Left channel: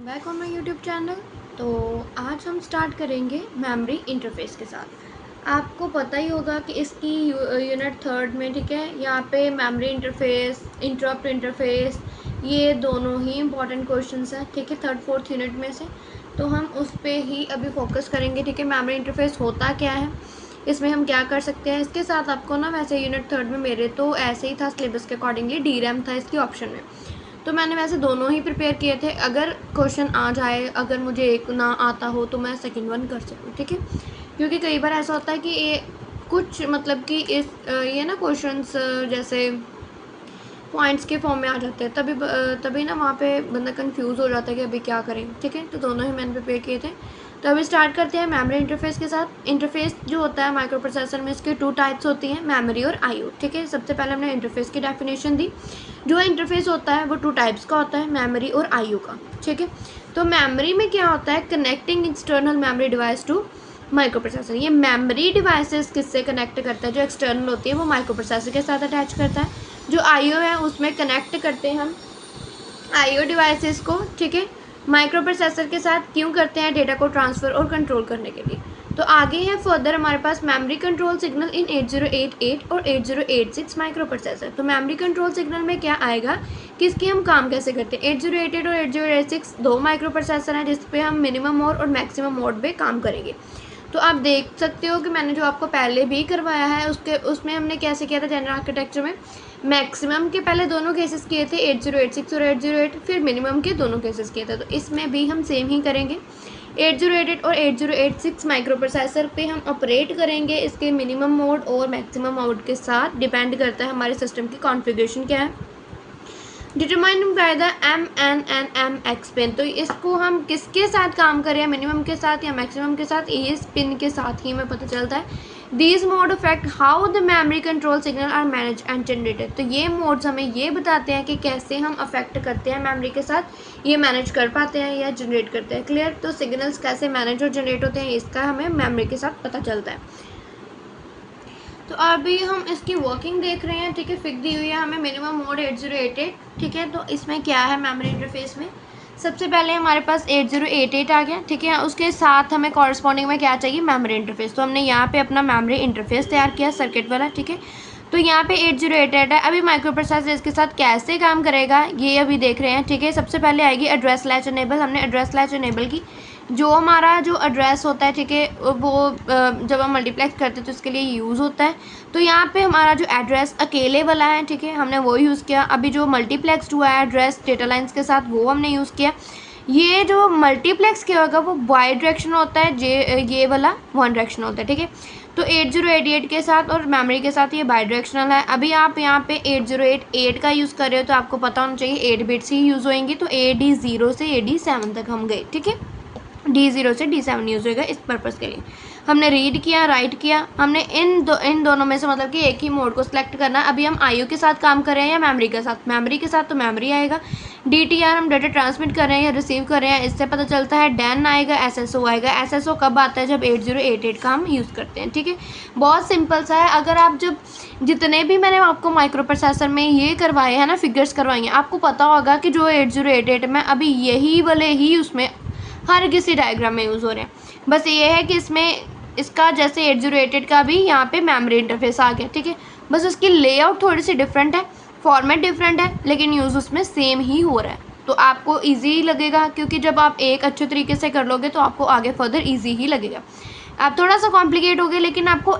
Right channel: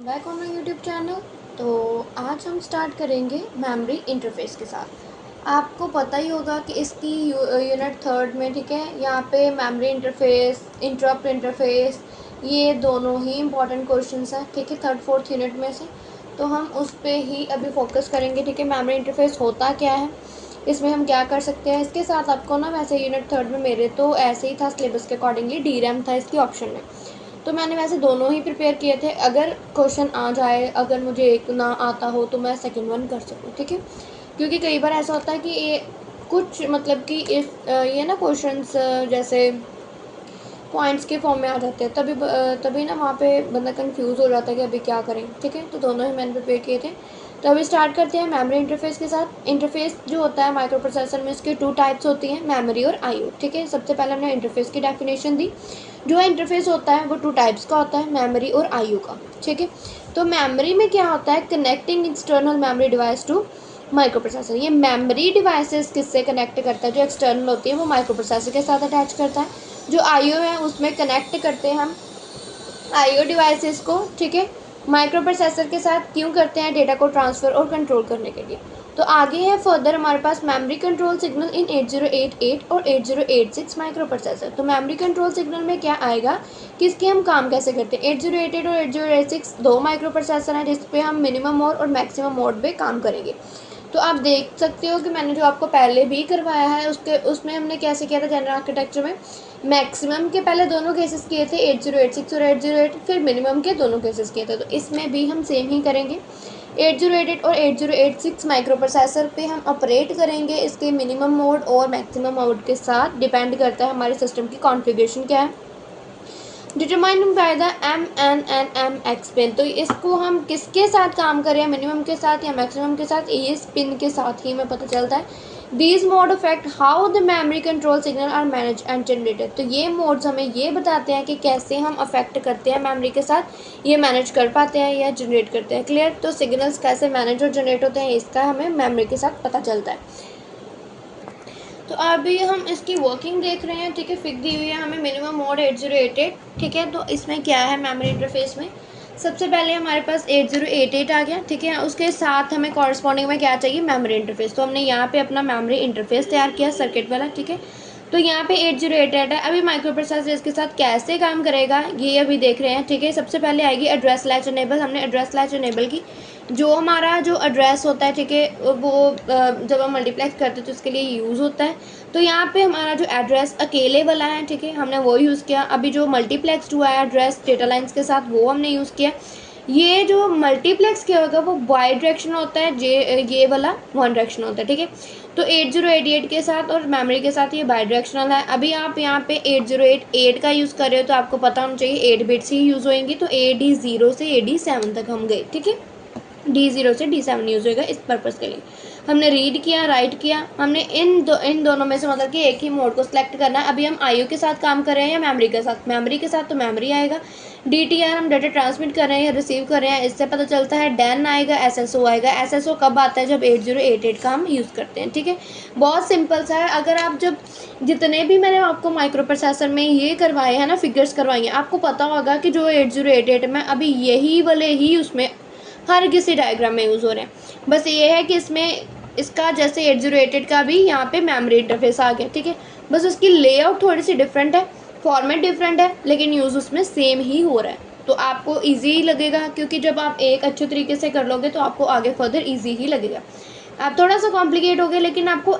Back on my YouTube channel. तो आज हम स्टार्ट करेंगे मेमोरी इंटरफेस के साथ। आपको पता ही होगा कि इसकी यूनिट थर्ड में, ठीक है, यहाँ पे मेमोरी इंटरफेस, इंटरप्ट इंटरफेस, ये दोनों ही इम्पॉर्टेंट क्वेश्चंस हैं, ठीक है, थर्ड फोर्थ यूनिट में से। तो हम उस पर ही अभी फोकस करेंगे, ठीक है। मेमोरी इंटरफेस होता क्या है, इसमें हम क्या कर सकते हैं। इसके साथ आपको ना, वैसे यूनिट थर्ड में मेरे तो ऐसे ही था सिलेबस के अकॉर्डिंगली, DRAM था इसकी ऑप्शन में, तो मैंने वैसे दोनों ही प्रिपेयर किए थे। अगर क्वेश्चन आ जाए, अगर मुझे एक ना आता हो तो मैं सेकंड वन कर सकूँ, ठीक है। क्योंकि कई बार ऐसा होता है कि ये कुछ मतलब कि ये ना क्वेश्चंस जैसे पॉइंट्स के फॉर्म में आ जाते हैं, तभी ना वहाँ पे बंदा कंफ्यूज हो जाता है कि अभी क्या करें, ठीक है। तो दोनों ही मैंने प्रिपेयर किए थे। तो अभी स्टार्ट करते हैं मेमोरी इंटरफेस के साथ। इंटरफेस जो होता है माइक्रो प्रोसेसर में, उसके टू टाइप्स होती हैं, मेमोरी और आईओ, ठीक है। सबसे पहले हमने इंटरफेस की डेफिनेशन दी। जो इंटरफेस होता है वो टू टाइप्स का होता है, मेमोरी और आईओ का, ठीक है। तो मेमोरी में क्या होता है, connecting external memory device to microprocessor. ये मेमोरी डिवाइसेस किससे कनेक्ट करता है, जो एक्सटर्नल होती है वो माइक्रो प्रोसेसर के साथ अटैच करता है। जो आईओ है उसमें कनेक्ट करते हैं हम आईओ डिवाइसेस को, ठीक है, माइक्रो प्रोसेसर के साथ। क्यों करते हैं, डेटा को ट्रांसफ़र और कंट्रोल करने के लिए। तो आगे है फर्दर हमारे पास मेमोरी कंट्रोल सिग्नल इन 8088 और 8086 माइक्रो प्रोसेसर। तो मेमोरी कंट्रोल सिग्नल में क्या आएगा कि इसके हम काम कैसे करते हैं। 8088 और 8086 दो माइक्रो प्रोसेसर हैं जिस पे हम मिनिमम मोड और मैक्सिमम मोड पे काम करेंगे। तो आप देख सकते हो कि मैंने जो आपको पहले भी करवाया है उसमें हमने कैसे किया था जनरल आर्किटेक्चर में। मैक्सिमम के पहले दोनों केसेस किए थे, 8086 और 808, फिर मिनिमम के दोनों केसेस किए थे। तो इसमें भी हम सेम ही करेंगे। 8088 और 8086 माइक्रो प्रोसेसर पे हम ऑपरेट करेंगे इसके मिनिमम मोड और मैक्सिमम मोड के साथ। डिपेंड करता है हमारे सिस्टम की कॉन्फ़िगरेशन क्या है, determined by the MNNMX pin. तो इसको हम किसके साथ काम करें, मिनिमम के साथ या मैक्सिमम के साथ, इस पिन के साथ ही हमें पता चलता है। These mode affect how the memory control signal are manage and generated. तो ये मोड्स हमें ये बताते हैं कि कैसे हम अफेक्ट करते हैं मेमोरी के साथ, ये मैनेज कर पाते हैं या जनरेट करते हैं। क्लियर। तो सिग्नल्स कैसे मैनेज और जनरेट होते हैं इसका हमें मेमोरी के साथ पता चलता है। तो अभी हम इसकी वर्किंग देख रहे हैं, ठीक है। फिक दी हुई है हमें मिनिमम मोड 8088, ठीक है। तो इसमें क्या है मेमोरी इंटरफेस में, सबसे पहले हमारे पास 8088 आ गया, ठीक है। उसके साथ हमें कॉरस्पॉन्डिंग में क्या चाहिए, मेमोरी इंटरफेस। तो हमने यहाँ पे अपना मेमोरी इंटरफेस तैयार किया सर्किट वाला, ठीक है। तो यहाँ पे 8088 है। अभी माइक्रो प्रोसेसर इसके साथ कैसे काम करेगा ये अभी देख रहे हैं, ठीक है। सबसे पहले आएगी एड्रेस लैच इनेबल। हमने एड्रेस लैच इनेबल की। जो हमारा जो एड्रेस होता है, ठीक है, वो जब हम मल्टीप्लेक्स करते हैं तो उसके लिए यूज़ होता है। तो यहाँ पे हमारा जो एड्रेस अकेले वाला है, ठीक है, हमने वो यूज़ किया। अभी जो मल्टीप्लेक्स हुआ है एड्रेस डेटा लाइन्स के साथ, वो हमने यूज़ किया। ये जो मल्टीप्लेक्स किया होगा वो वाई डायरेक्शन होता है, ये वाला वन डायरेक्शन होता है, ठीक है। तो 8088 के साथ और मेमोरी के साथ ये बाई डायरेक्शनल है। अभी आप यहाँ पे 8088 का यूज़ कर रहे हो तो आपको पता होना चाहिए 8 बिट्स ही यूज़ होंगी। तो AD0 से AD7 तक हम गए, ठीक है। D0 से D7 यूज़ होगा इस पर्पज़ के लिए। हमने रीड किया, राइट किया। हमने इन दोनों में से मतलब कि एक ही मोड को सिलेक्ट करना है। अभी हम आईओ के साथ काम कर रहे हैं या मेमोरी के साथ। मेमोरी के साथ तो मेमोरी आएगा। DTR हम डाटा ट्रांसमिट कर रहे हैं या रिसीव कर रहे हैं, इससे पता चलता है। डैन आएगा, SSO आएगा। SSO कब आता है, जब 8088 का हम यूज़ करते हैं, ठीक है। बहुत सिंपल सा है। अगर आप जब जितने भी मैंने आपको माइक्रो प्रोसेसर में ये करवाए हैं ना, फिगर्स करवाई हैं, आपको पता होगा कि जो 8088 में अभी यही वाले ही उसमें हर किसी डायग्राम में यूज़ हो रहे हैं। बस ये है कि इसमें इसका जैसे 8088 का भी यहाँ पे मेमोरी इंटरफेस आ गया, ठीक है। बस उसकी लेआउट थोड़ी सी डिफरेंट है, फॉर्मेट डिफरेंट है, लेकिन यूज़ उसमें सेम ही हो रहा है। तो आपको ईजी लगेगा, क्योंकि जब आप एक अच्छे तरीके से कर लोगे तो आपको आगे फर्दर ईजी ही लगेगा। आप थोड़ा सा कॉम्प्लिकेट हो गया, लेकिन आपको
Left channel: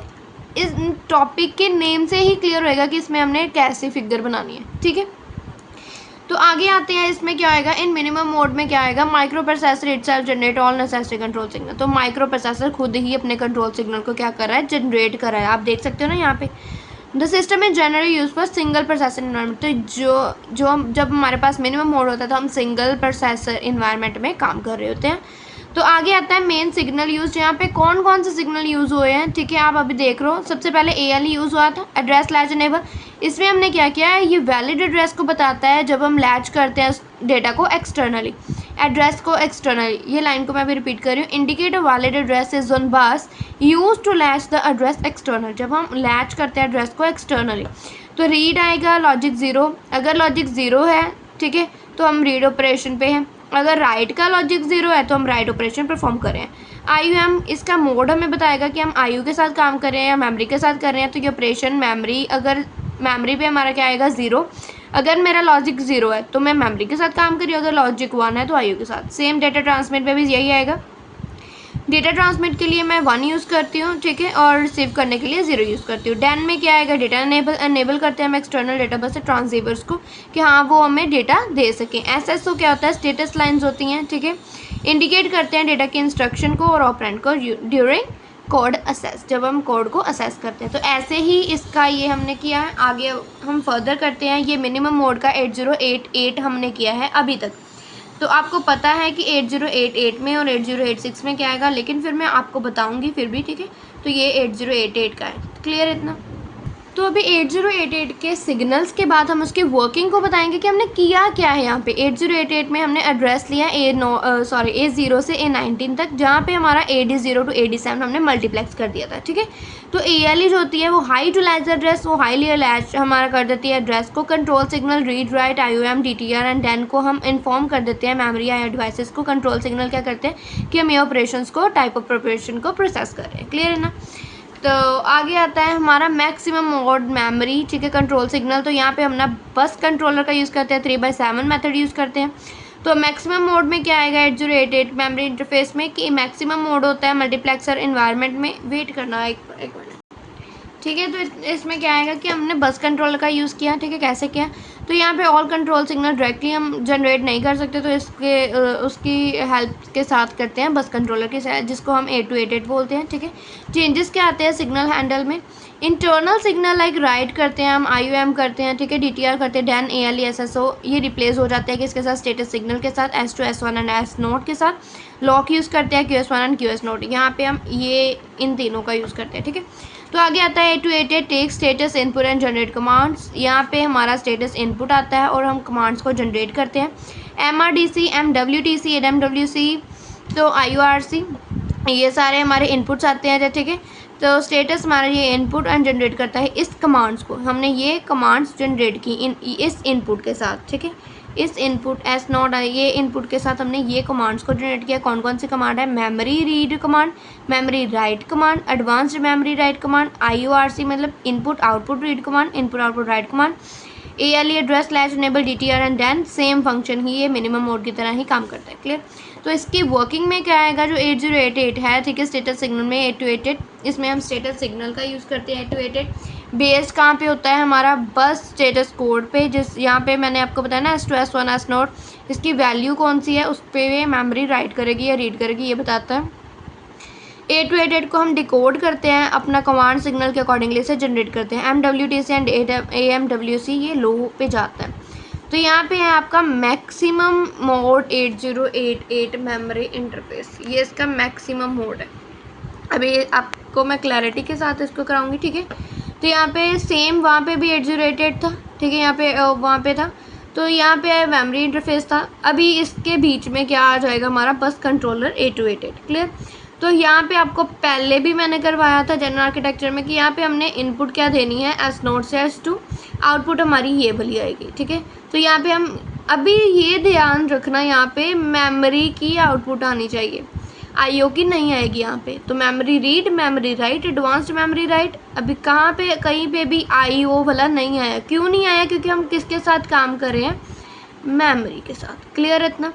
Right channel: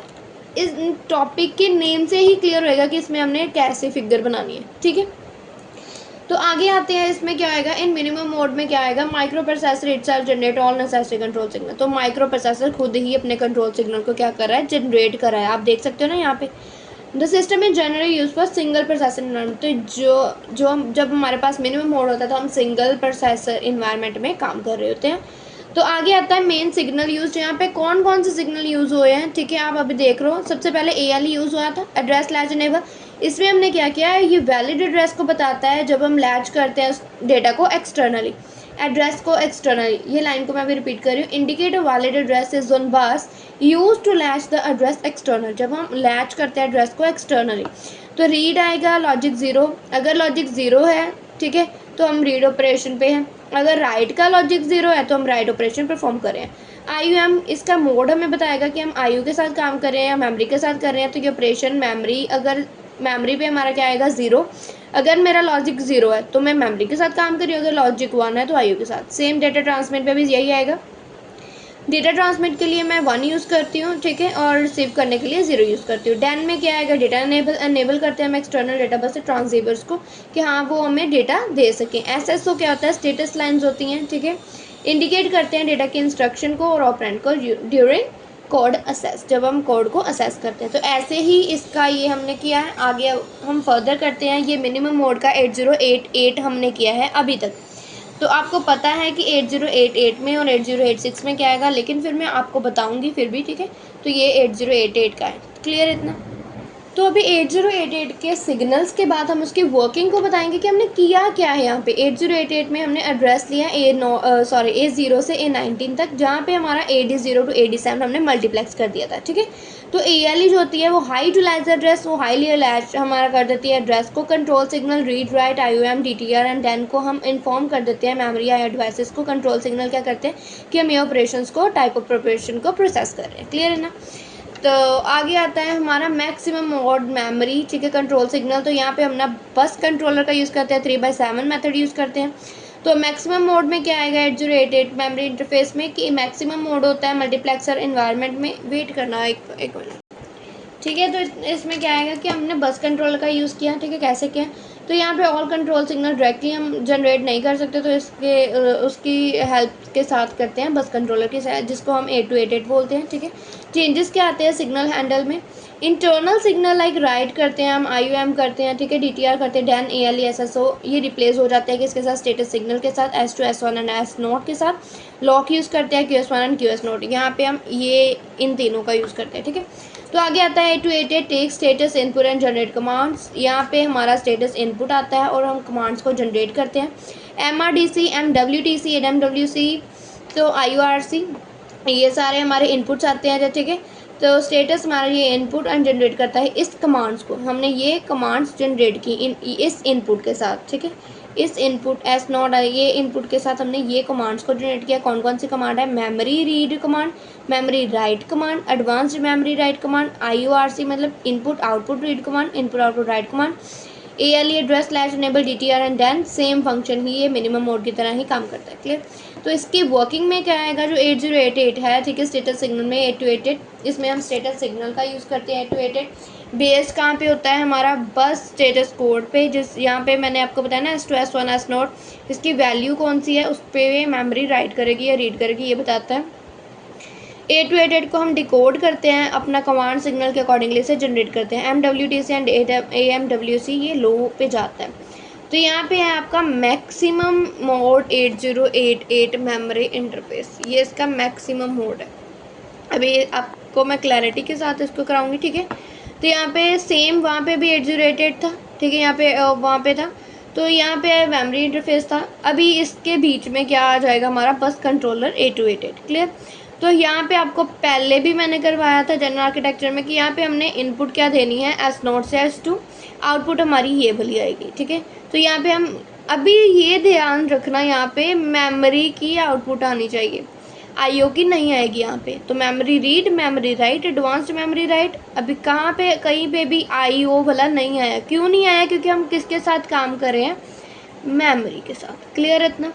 इस टॉपिक के नेम से ही क्लियर होएगा कि इसमें हमने कैसे फिगर बनानी है, ठीक है। तो आगे आते हैं, इसमें क्या आएगा, इन मिनिमम मोड में क्या आएगा, micro processor itself generate all necessary control signal. तो माइक्रो प्रोसेसर खुद ही अपने कंट्रोल सिग्नल को क्या कर रहा है, जनरेट कर रहा है। आप देख सकते हो ना यहाँ पे, the system is generally use for single processor environment. तो जब हमारे पास मिनिमम मोड होता है तो हम सिंगल प्रोसेसर इन्वायरमेंट में काम कर रहे होते हैं। तो आगे आता है मेन सिग्नल यूज। यहाँ पे कौन कौन से सिग्नल यूज़ हुए हैं, ठीक है, आप अभी देख रहे हो। सबसे पहले ALE यूज़ हुआ था, एड्रेस लैच इनेबल। इसमें हमने क्या किया है, ये वैलिड एड्रेस को बताता है जब हम लैच करते हैं डेटा को एक्सटर्नली, एड्रेस को एक्सटर्नली। ये लाइन को मैं भी रिपीट कर रही हूँ, indicate valid address is one bus use to latch the address external. जब हम लैच करते हैं एड्रेस को एक्सटर्नली तो रीड आएगा लॉजिक 0। अगर लॉजिक 0 है, ठीक है, तो हम रीड ऑपरेशन पे हैं। अगर राइट का लॉजिक 0 है तो हम राइट ऑपरेशन परफॉर्म करें। IUM इसका मोड हमें बताएगा कि हम IO के साथ काम कर रहे हैं या मेमोरी के साथ कर रहे हैं। तो ये ऑपरेशन मेमोरी, अगर मेमोरी पे हमारा क्या आएगा 0, अगर मेरा लॉजिक 0 है तो मैं मेमोरी के साथ काम कर रही हूँ, अगर लॉजिक 1 है तो IO के साथ। सेम डेटा ट्रांसमिट पे भी यही आएगा। डेटा ट्रांसमिट के लिए मैं 1 यूज़ करती हूँ, ठीक है, और रिसीव करने के लिए 0 यूज़ करती हूँ। डैन में क्या आएगा, डेटा एनेबल करते हैं हम एक्सटर्नल डेटा बस से ट्रांससीवर्स को कि हाँ वो हमें डेटा दे सकें। SSO क्या होता है, स्टेटस लाइन्स होती हैं, ठीक है, इंडिकेट करते हैं डेटा के इंस्ट्रक्शन को और ऑपरेंड को ड्यूरिंग कोड असेस, जब हम कोड को असेस करते हैं। तो ऐसे ही इसका ये हमने किया है। आगे हम फर्दर करते हैं। ये मिनिमम मोड का 8088 हमने किया है अभी तक। तो आपको पता है कि 8088 में और 8086 में क्या आएगा, लेकिन फिर मैं आपको बताऊंगी फिर भी, ठीक है। तो ये 8088 का है, क्लियर इतना। तो अभी 8088 के सिग्नल्स के बाद हम उसकी वर्किंग को बताएंगे कि हमने किया क्या है। यहाँ पे 8088 में हमने एड्रेस लिया A0 से A19 तक, जहाँ पे हमारा AD0 to AD7 हमने मल्टीप्लेक्स कर दिया था, ठीक है। तो ALE जो होती है वो हाई यूटिलाइज एड्रेस, वो हाईली अटैच हमारा कर देती है एड्रेस को। Control signal read write IOM DTR and Dan को हम इन्फॉर्म कर देते हैं मेमोरी या डिवाइसेस को। कंट्रोल सिग्नल क्या करते हैं कि हम ये ऑपरेशंस को, टाइप ऑफ ऑपरेशन को प्रोसेस कर रहे हैं, क्लियर है ना। तो आगे आता है हमारा मैक्सिमम मोड मेमोरी, ठीक है, कंट्रोल सिग्नल। तो यहाँ पे हम ना बस कंट्रोलर का यूज़ करते हैं, 3/7 मेथड यूज़ करते हैं। तो मैक्सिमम मोड में क्या आएगा 8088 मेमोरी इंटरफेस में, कि मैक्सिमम मोड होता है मल्टीप्लेक्सर इन्वायरमेंट में। वेट करना एक मिनट, ठीक है। तो इसमें क्या आएगा कि हमने बस कंट्रोलर का यूज़ किया, ठीक है। कैसे किया, तो यहाँ पे ऑल कंट्रोल सिग्नल डायरेक्टली हम जनरेट नहीं कर सकते, तो इसके उसकी हेल्प के साथ करते हैं बस कंट्रोलर के साथ, जिसको हम 8288 बोलते हैं, ठीक है। चेंजेस क्या आते हैं सिग्नल हैंडल में, इंटरनल सिग्नल लाइक राइट करते हैं हम, IOM करते हैं, ठीक है, DTR करते हैं, डैन ALE SSO ये रिप्लेस हो जाते हैं किसके साथ, स्टेटस सिग्नल के साथ, S2 S1 एंड S0 के साथ। लॉक यूज़ करते हैं QS1 एंड QS0, यहाँ पे हम ये इन तीनों का यूज़ करते हैं, ठीक है। तो आगे आता है 8288 take status input and generate commands. यहाँ पे हमारा स्टेटस इनपुट आता है और हम कमांड्स को जनरेट करते हैं। MRDC MWTC ADMWC तो IORC ये सारे हमारे इनपुट्स आते हैं, ठीक है। तो स्टेटस हमारा ये इनपुट एंड जनरेट करता है इस कमांड्स को। हमने ये कमांड्स जनरेट की इस इनपुट के साथ, ठीक है। इस इनपुट S0 ये इनपुट के साथ हमने ये कमांड्स को जनरेट किया। कौन कौन सी कमांड है, memory read command, memory write command, advanced memory write command, IORC मतलब input output read command, input output write command, ALE address slash enable DTR and then same function ही ये minimum mode की तरह ही काम करता है, clear. तो इसकी वर्किंग में क्या आएगा, जो 8088 है, ठीक है, स्टेटस सिग्नल में 8288, इसमें हम स्टेटस सिग्नल का यूज़ करते हैं। 8288 बेस कहाँ पे होता है हमारा, बस स्टेटस कोड पे, जिस यहाँ पे मैंने आपको बताया ना S2 S1 S0, इसकी वैल्यू कौन सी है उस पर मेमोरी राइट करेगी या रीड करेगी, ये बताता है। 8288 को हम डिकोड करते हैं अपना कमांड सिग्नल के अकॉर्डिंगली से जनरेट करते हैं। MWTC एंड AMWC ये लो पे जाता है। तो यहाँ पे है आपका मैक्सिमम मोड 8088 मेमोरी इंटरफेस, ये इसका मैक्सिमम मोड है। अभी आपको मैं क्लैरिटी के साथ इसको कराऊंगी, ठीक है। तो यहाँ पे सेम वहाँ पे भी 8088 था, ठीक है, यहाँ पे वहाँ पे था। तो यहाँ पे मेमोरी इंटरफेस था। अभी इसके बीच में क्या आ जाएगा हमारा बस कंट्रोलर 8288, क्लियर। तो यहाँ पे आपको पहले भी मैंने करवाया था जनरल आर्किटेक्चर में कि यहाँ पे हमने इनपुट क्या देनी है S0 से S2, आउटपुट हमारी ये वाली आएगी, ठीक है। तो यहाँ पे हम अभी ये ध्यान रखना, यहाँ पे मेमोरी की आउटपुट आनी चाहिए, IO की नहीं आएगी यहाँ पे। तो memory read, memory write, advanced memory right, अभी कहाँ पे कहीं पे भी IO वाला नहीं आया। क्यों नहीं आया, क्योंकि हम किसके साथ काम कर रहे हैं, मेमोरी के साथ, क्लियर इतना।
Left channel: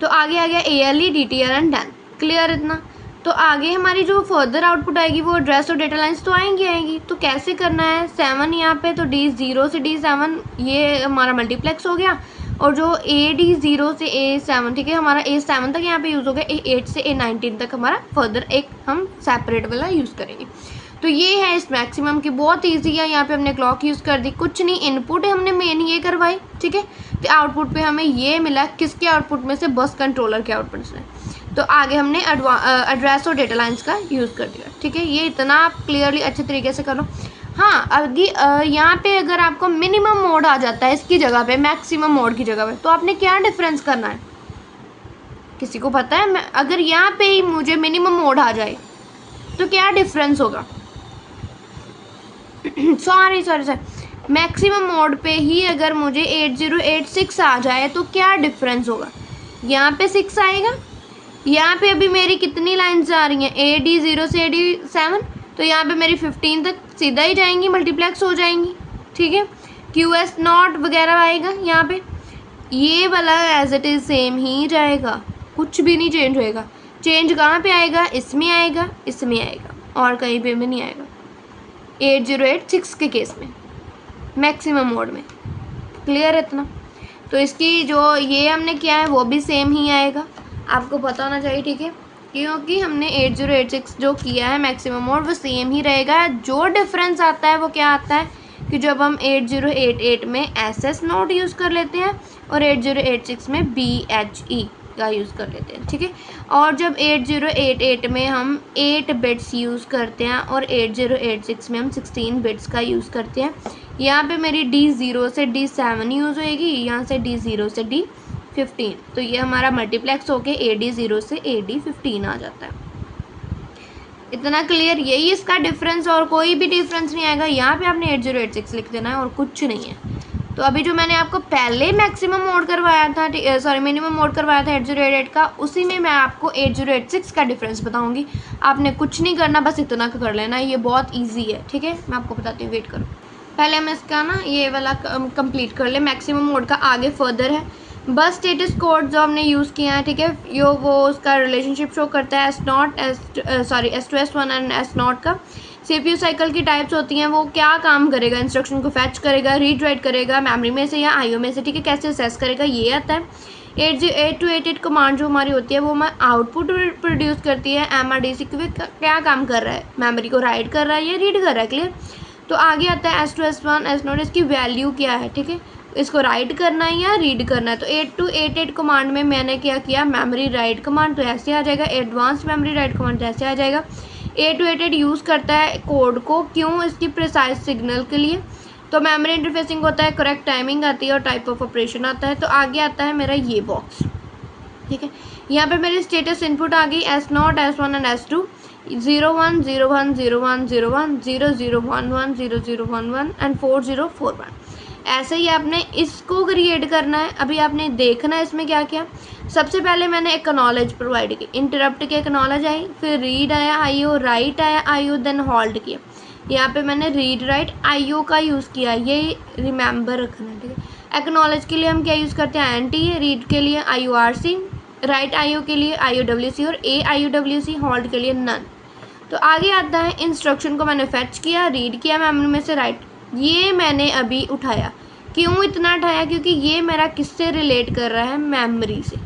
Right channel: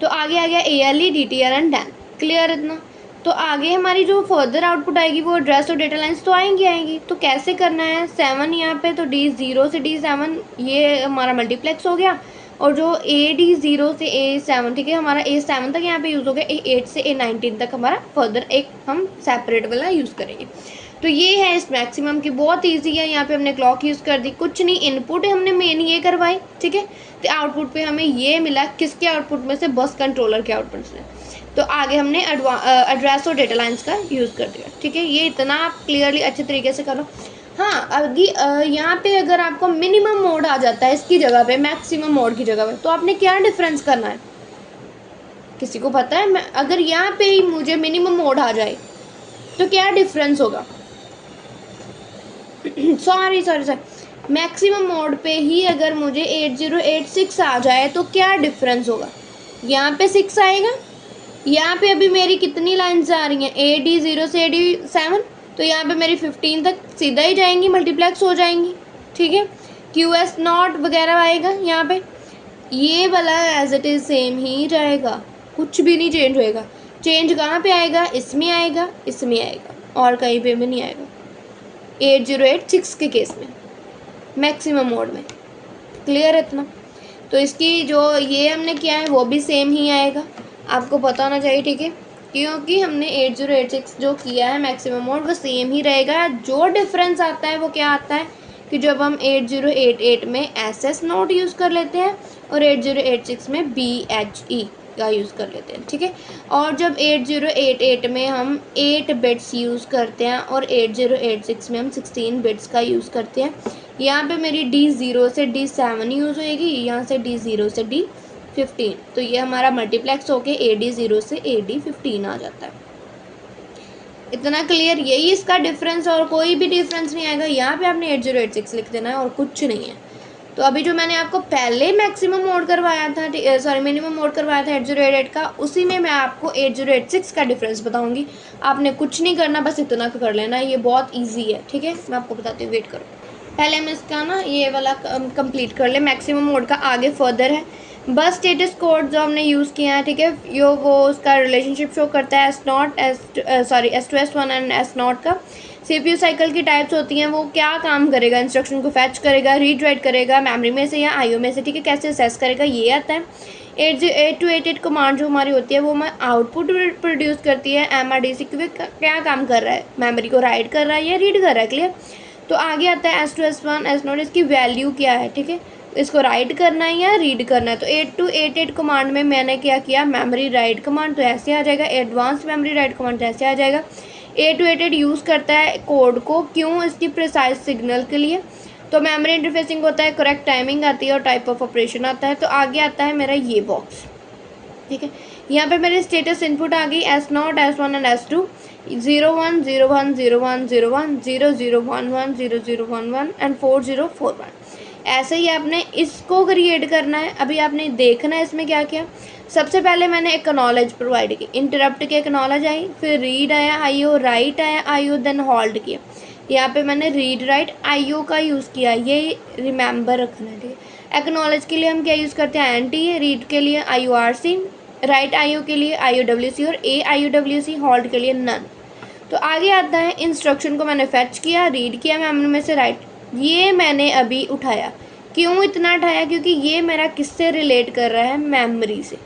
तो आगे आ गया ALE DTR and Dan, clear इतना। तो आगे हमारी जो फर्दर आउटपुट आएगी वो एड्रेस और डेटा लाइंस तो आएंगी। तो कैसे करना है, 7 यहाँ पे, तो D0 से D7 ये हमारा मल्टीप्लेक्स हो गया, और जो AD0 से A7, ठीक है, हमारा A7 तक यहाँ पे यूज़ हो गया, A8 से A19 तक हमारा फर्दर एक हम सेपरेट वाला यूज़ करेंगे। तो ये है इस मैक्सिमम की, बहुत ईजी है। यहाँ पे हमने क्लॉक यूज़ कर दी, कुछ नहीं, इनपुट हमने मेन ये करवाई, ठीक है। तो आउटपुट पे हमें ये मिला, किसके आउटपुट में से, बस कंट्रोलर के आउटपुट से। तो आगे हमने एड्रेस और डेटा लाइंस का यूज़ कर दिया, ठीक है। ये इतना आप क्लियरली अच्छे तरीके से करो। हाँ, आगे यहाँ पे अगर आपको मिनिमम मोड आ जाता है इसकी जगह पे, मैक्सिमम मोड की जगह पे, तो आपने क्या डिफरेंस करना है, किसी को पता है। अगर यहाँ पे ही मुझे मिनिमम मोड आ जाए तो क्या डिफरेंस होगा, सॉरी मैक्सिमम मोड पे ही अगर मुझे 8086 आ जाए तो क्या डिफरेंस होगा। यहाँ पे 6 आएगा। यहाँ पे अभी मेरी कितनी लाइन्स आ रही हैं, AD0 से AD7, तो यहाँ पे मेरी 15 तक सीधा ही जाएंगी, मल्टीप्लेक्स हो जाएंगी, ठीक है। QS0 वगैरह आएगा यहाँ पे, ये वाला एज इट इज़ सेम ही रहेगा, कुछ भी नहीं चेंज होएगा। चेंज कहाँ पे आएगा, इसमें आएगा, इसमें आएगा, और कहीं पे भी नहीं आएगा 8086 के केस में, मैक्सिमम मोड में। क्लियर है इतना? तो इसकी जो ये हमने किया है वो भी सेम ही आएगा, आपको पता होना चाहिए, ठीक है, क्योंकि हमने 8086 जो किया है मैक्सिमम मोड वो सेम ही रहेगा। जो डिफरेंस आता है वो क्या आता है कि जब हम 8088 में SS नोट यूज़ कर लेते हैं और 8086 में BHE का यूज़ कर लेते हैं, ठीक है। और जब 8088 में हम 8 बिट्स यूज़ करते हैं और 8086 में हम 16 बिट्स का यूज़ करते हैं, यहाँ पे मेरी D0 से D7 यूज़ होएगी, यहाँ से D0 से D15, तो ये हमारा मल्टीप्लेक्स होके AD0 से AD15 आ जाता है। इतना क्लियर? यही इसका डिफरेंस, और कोई भी डिफरेंस नहीं आएगा। यहाँ पे आपने 8086 लिख देना है और कुछ नहीं है। तो अभी जो मैंने आपको पहले मैक्सिमम मोड करवाया था, मिनिमम मोड करवाया था 8088 का, उसी में मैं आपको 8086 का डिफरेंस बताऊंगी। आपने कुछ नहीं करना, बस इतना कर लेना, ये बहुत ईजी है, ठीक है। मैं आपको बताती हूँ, वेट करो। पहले हम इसका ना ये वाला कंप्लीट कर ले, मैक्सिमम मोड का आगे फर्दर है। बस स्टेटस कोड जो हमने यूज़ किया है, ठीक है, यो वो उसका रिलेशनशिप शो करता है S2 S1 एंड S0 का। CPU साइकिल की टाइप्स होती हैं, वो क्या काम करेगा, इंस्ट्रक्शन को फैच करेगा, रीड राइट करेगा मेमोरी में से या IO में से, ठीक है, कैसे असेस करेगा, ये आता है। 8288 कमांड जो हमारी होती है वो हमारे आउटपुट प्रोड्यूस करती है MRDC, क्या काम कर रहा है, मेमोरी को राइट कर रहा है या रीड कर रहा है। क्लियर? तो आगे आता है S2 S1 S0, इसकी वैल्यू क्या है, ठीक है, इसको राइट करना है या रीड करना है। तो 8288 कमांड में मैंने क्या किया, मेमोरी राइट कमांड, तो ऐसे आ जाएगा। एडवांस मेमोरी राइट कमांड तो ऐसे आ जाएगा। 8288 यूज़ करता है कोड को, क्यों, इसकी प्रिसाइज सिग्नल के लिए। तो मेमोरी इंटरफेसिंग होता है, करेक्ट टाइमिंग आती है और टाइप ऑफ ऑपरेशन आता है। तो आगे आता है मेरा ये बॉक्स, ठीक है। यहाँ पे मेरी स्टेटस इनपुट आ गई S0 S1 and S2, 01 01 01 01 00 11 00 11 and 4041। ऐसे ही आपने इसको क्रिएट करना है। अभी आपने देखना है इसमें क्या किया। सबसे पहले मैंने एक्नॉलेज प्रोवाइड की, इंटरप्ट के एक्नॉलेज आई, फिर रीड आया IO, राइट आया IO, देन होल्ड किया। यहाँ पे मैंने रीड राइट IO का यूज़ किया, ये रिमेंबर रखना है, ठीक है। एक्नॉलेज के लिए हम क्या यूज़ करते हैं, NT, रीड के लिए IORC, राइट IO के लिए IOWC और AIOWC, होल्ड के लिए नन। तो आगे आता है इंस्ट्रक्शन को मैंने फैच किया, रीड किया मेमोरी में से, राइट, ये मैंने अभी उठाया। क्यों इतना उठाया, क्योंकि ये मेरा किससे रिलेट कर रहा है, मेमोरी से,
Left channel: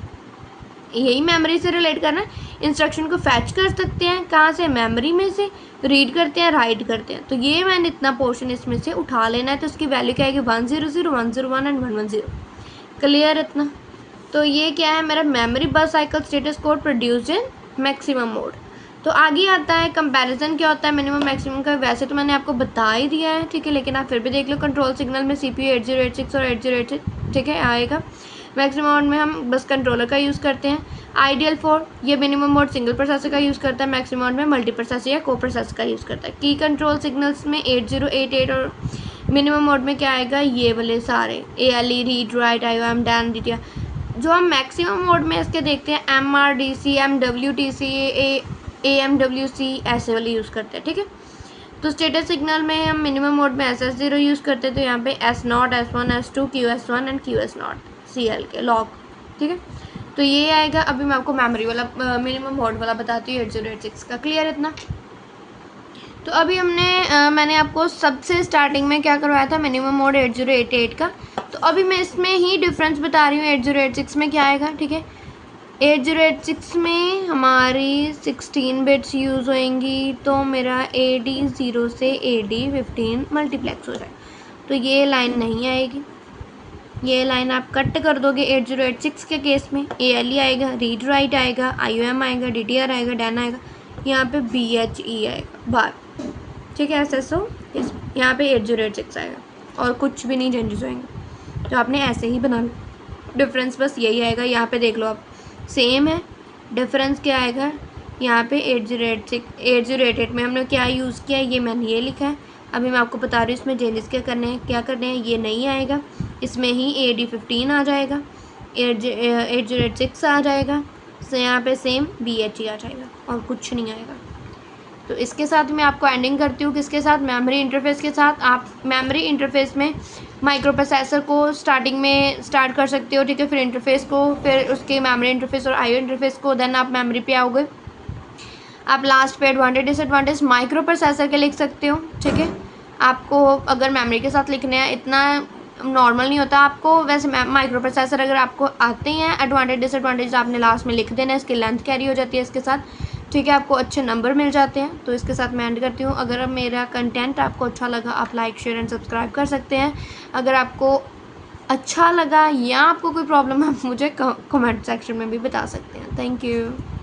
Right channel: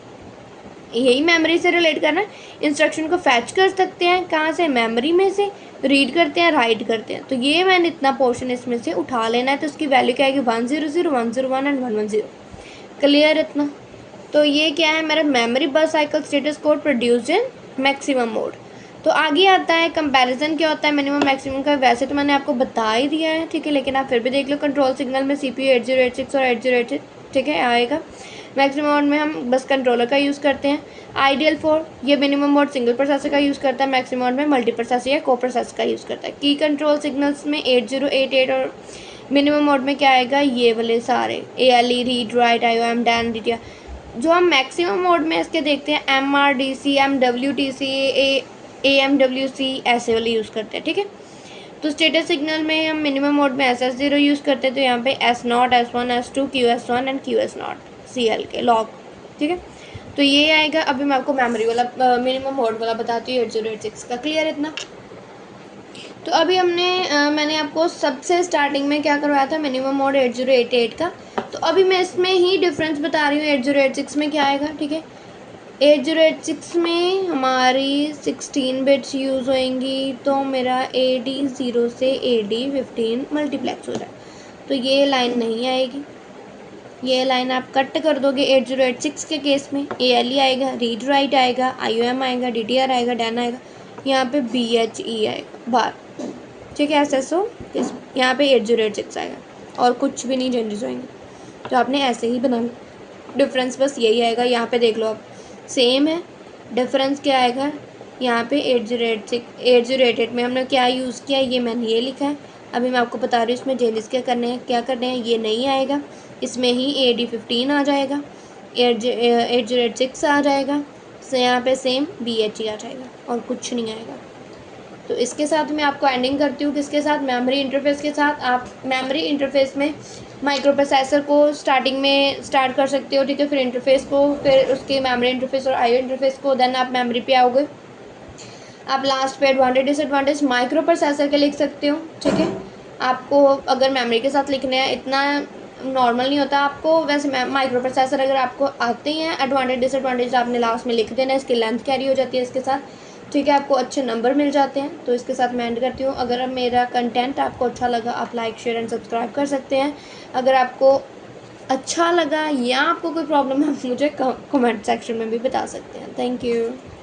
यही मेमोरी से रिलेट करना है। इंस्ट्रक्शन को फैच कर सकते हैं कहाँ से, मेमोरी में से, रीड करते हैं, राइट करते हैं। तो ये मैंने इतना पोर्शन इसमें से उठा लेना है। तो उसकी वैल्यू क्या आएगी, 100 101 एंड 110। क्लियर इतना? तो ये क्या है, मेरा मेमोरी बस cycle status code produced in maximum mode. तो आगे आता है कंपैरिजन, क्या होता है मिनिमम मैक्सिमम का। वैसे तो मैंने आपको बता ही दिया है, ठीक है, लेकिन आप फिर भी देख लो। कंट्रोल सिग्नल में CPU 8086 और 8086, ठीक है, आएगा। मैक्सिमम मोड में हम बस कंट्रोलर का यूज़ करते हैं। आइडियल फॉर, ये मिनिमम मोड सिंगल प्रोसेसर का यूज़ करता है। मैक्सिमम मोड में मल्टी प्रोसेसर या को प्रोसेसर का यूज़ करता है। की कंट्रोल सिग्नल्स में 8088 और मिनिमम मोड में क्या आएगा, ये वाले सारे ALE, read write IOM Dan DTR। जो हम मैक्सिमम मोड में इसके देखते हैं MRDC MWTC AMWC ऐसे वाले यूज़ करते हैं, ठीक है। तो स्टेटस सिग्नल में हम मिनिमम मोड में SS0 यूज़ करते हैं। तो यहाँ पे S0 S1 S2 QS1 and QS0 CL के लॉग, ठीक है। तो ये आएगा। अभी मैं आपको मेमोरी वाला मिनिमम मोड वाला बताती हूँ 8086 का। क्लियर इतना? तो अभी मैंने आपको सबसे स्टार्टिंग में क्या करवाया था, मिनिमम मोड 8088 का। तो अभी मैं इसमें ही डिफरेंस बता रही हूँ 8086 में क्या आएगा, ठीक है। 8086 में हमारी 16 बिट्स यूज़ होएंगी, तो मेरा AD0 से AD15 मल्टीप्लेक्स हो जाए। तो ये लाइन नहीं आएगी, ये लाइन आप कट कर दोगे। 8086 के केस में ALE आएगा, रीड राइट आएगा, IOM आएगा, DTR आएगा, डैन आएगा, यहाँ पे BHE आएगा बार, ठीक है। SSO यहाँ पे 8086 आएगा और कुछ भी नहीं चेंजेस होंगे। तो आपने ऐसे ही बना लो, डिफरेंस बस यही आएगा। यहाँ पे देख लो आप, सेम है। डिफरेंस क्या आएगा, यहाँ पे 8088 में हमने क्या यूज़ किया है, ये मैंने ये लिखा है। अभी मैं आपको बता रही हूँ इसमें चेंजेस क्या करने हैं, ये नहीं आएगा। इसमें ही AD15 आ जाएगा, 806 आ जाएगा। तो यहाँ पे सेम BHE आ जाएगा और कुछ नहीं आएगा। तो इसके साथ मैं आपको एंडिंग करती हूँ किसके साथ, मेमोरी इंटरफेस के साथ। आप मेमोरी इंटरफेस में माइक्रो प्रोसेसर को स्टार्टिंग में स्टार्ट कर सकते हो, ठीक है, फिर इंटरफेस को, फिर उसके मेमोरी इंटरफेस और IO इंटरफेस को, देन आप मेमोरी पे आओगे। आप लास्ट पे एडवांटेज डिसएडवांटेज माइक्रो प्रोसेसर के लिख सकते हो, ठीक है। आपको अगर मेमोरी के साथ लिखने हैं, इतना नॉर्मल नहीं होता आपको, वैसे माइक्रो प्रोसेसर अगर आपको आते हैं, एडवांटेज डिसएडवांटेज आपने लास्ट में लिख देना, इसकी लेंथ कैरी हो जाती है इसके साथ, ठीक है, आपको अच्छे नंबर मिल जाते हैं। तो इसके साथ मैं एंड करती हूँ। अगर मेरा कंटेंट आपको अच्छा लगा, आप लाइक शेयर एंड सब्सक्राइब कर सकते हैं। अगर आपको अच्छा लगा या आपको कोई प्रॉब्लम है, आप मुझे कमेंट सेक्शन में भी बता सकते हैं। Thank you.